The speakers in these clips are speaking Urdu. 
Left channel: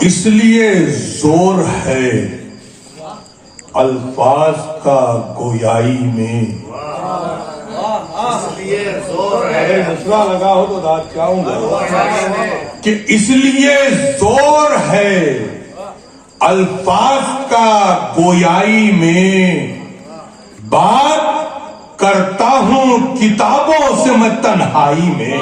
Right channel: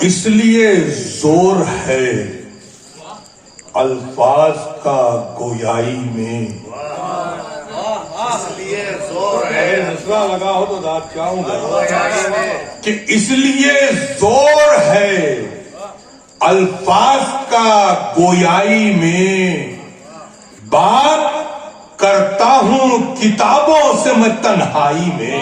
اس لیے زور ہے الفاظ کا گویائی میں، مصرع لگا ہو تو داد چاہوں گا کہ اس لیے زور ہے الفاظ کا گویائی میں، بات کرتا ہوں کتابوں سے میں تنہائی میں،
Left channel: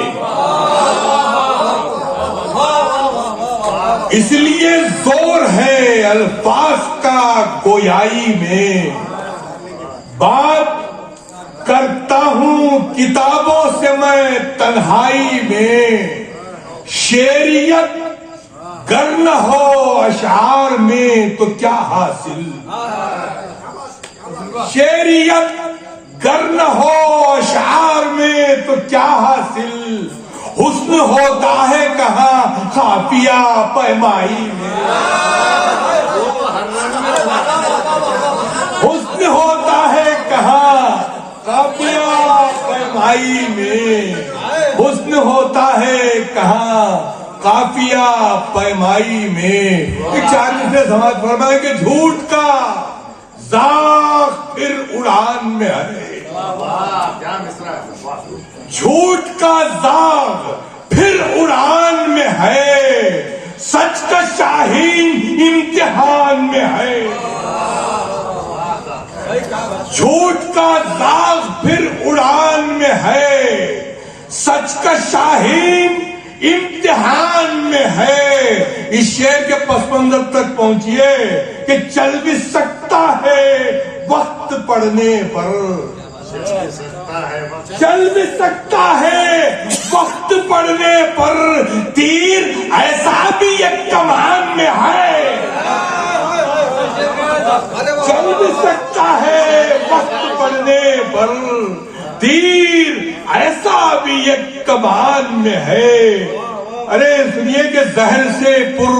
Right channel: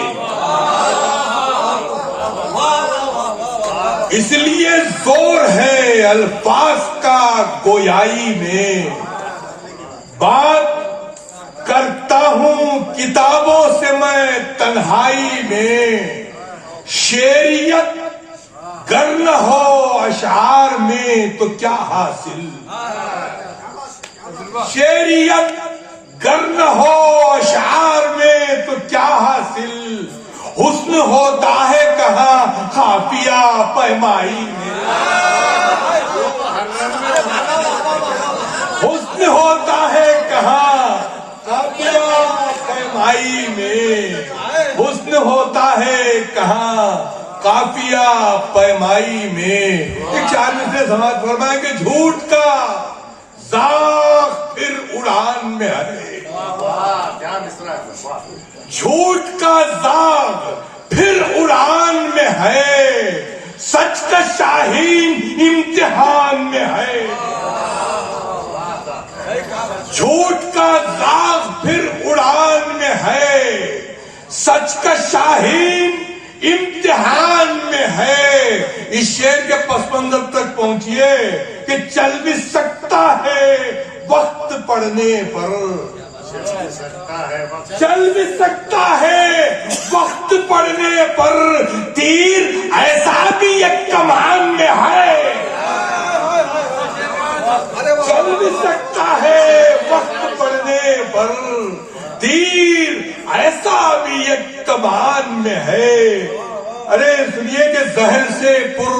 اس لیے زور ہے الفاظ کا گویائی میں، بات کرتا ہوں کتابوں سے میں تنہائی میں، شعریت گر نہ ہو اشعار میں تو کیا حاصل، شعریت گر نہ ہو اشعار میں تو کیا حاصل، حسن ہوتا ہے کہاں قافیہ پیمائی میں، حسن ہوتا ہے کہاں قافیہ پیمائی میں، حسن ہوتا ہے کہاں قافیہ پیمائی میں۔ ایک چار مصرے سماعت فرمائیں کہ جھوٹ کا زاغ پھر اڑان میں ہے، جھوٹ کا زاغ پھر اڑان میں ہے، سچ کا شاہین امتحان میں ہے، جھوٹ کا زاغ پھر اڑان میں ہے، سچ کا شاہین امتحان میں ہے۔ اس شعر کے پس منظر تک پہنچیے کہ چل بھی سکتا ہے وقت پڑنے پر، چل بھی سکتا ہے وقت پڑنے پر، تیر ایسا بھی ایک کمان میں ہے، چل بھی سکتا ہے وقت پڑنے پر، تیر ایسا بھی ایک کمان میں ہے۔ ارے سنیے کہ زہر سے پر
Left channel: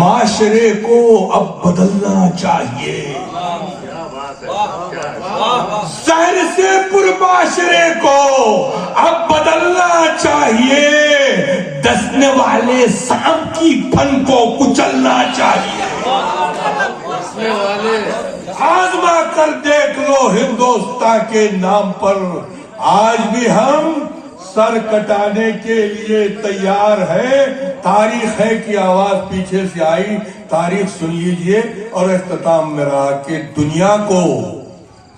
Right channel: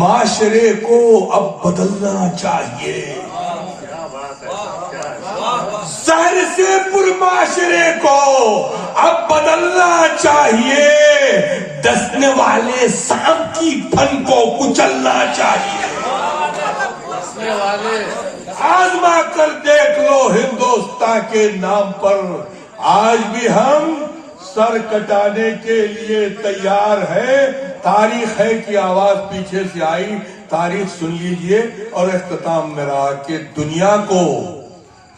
معاشرے کو اب بدلنا چاہیے، زہر سے پر معاشرے کو اب بدلنا چاہیے، ڈسنے والے سانپ کی پن کو کچلنا چاہیے، آزما کر دیکھ لو ہندوستان کے نام پر، آج بھی ہم سر کٹانے کے لیے تیار ہے۔ تاریخ ہے کہ آواز پیچھے سے آئی، تاریخ سن لیجئے اور اختتام میں رہا کہ دنیا کو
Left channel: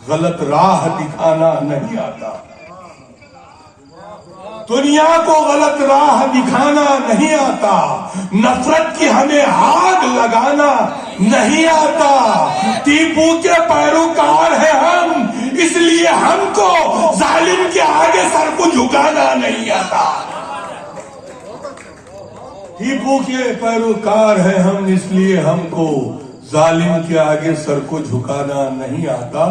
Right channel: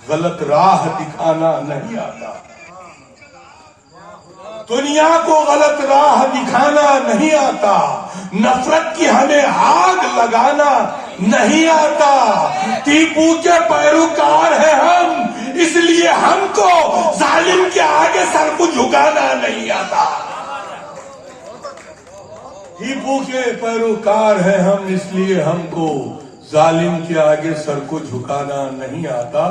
غلط راہ دکھانا نہیں آتا، دنیا کو غلط راہ دکھانا نہیں آتا، نفرت کی ہمیں آگ لگانا نہیں آتا، ٹیپو کے پیروکار ہیں ہم، اس لیے ہم کو ظالم کے آگے سر کو جھکانا نہیں آتا، ٹیپو کے پیروکار ہیں ہم، اس لیے ہم کو ظالم کے آگے سر کو جھکانا نہیں آتا۔